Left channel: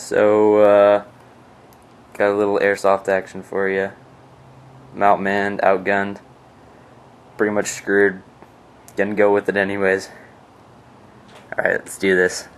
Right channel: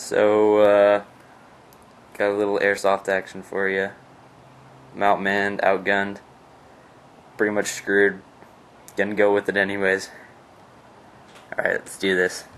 So, got a little airsoft action for you. I'm outmanned, outgunned, pretty much screwed. Gonna go with it anyways. Alright, let's do this.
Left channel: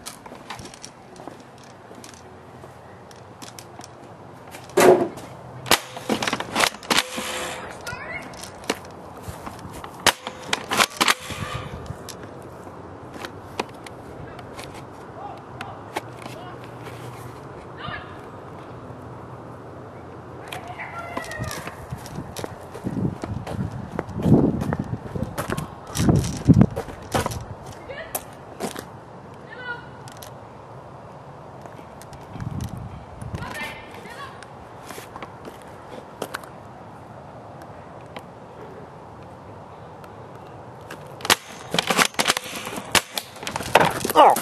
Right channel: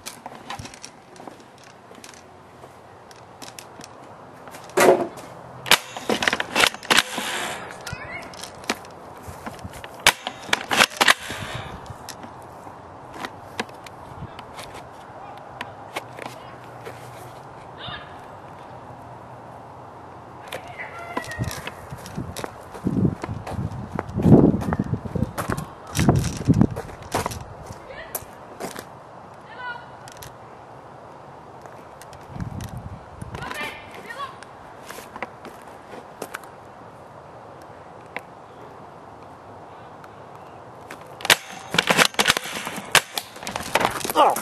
Oh!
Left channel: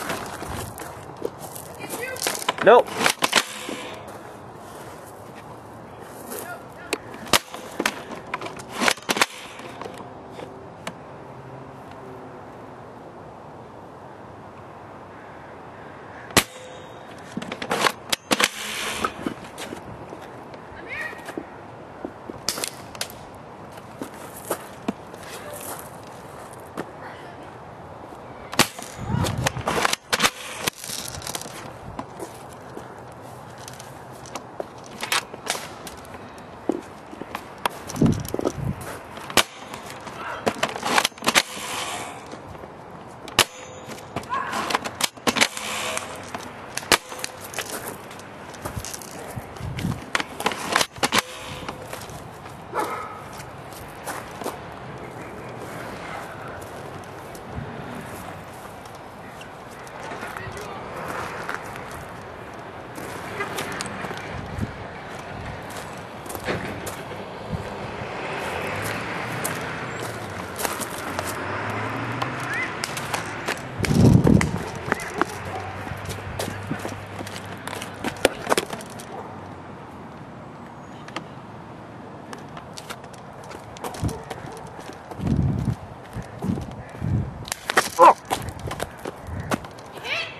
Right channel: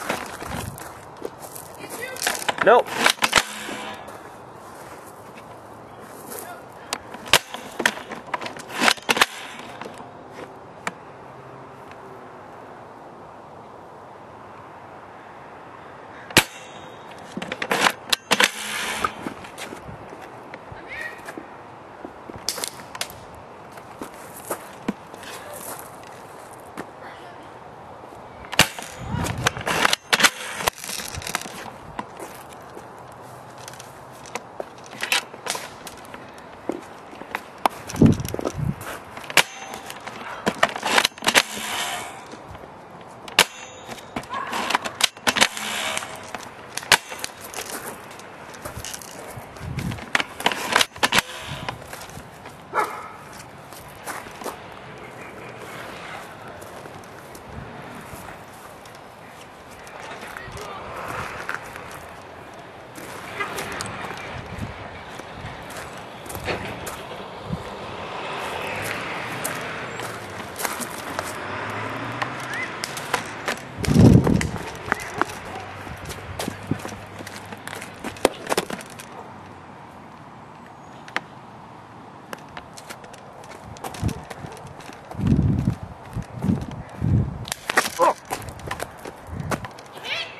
Nope.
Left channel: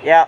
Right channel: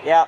Yeah.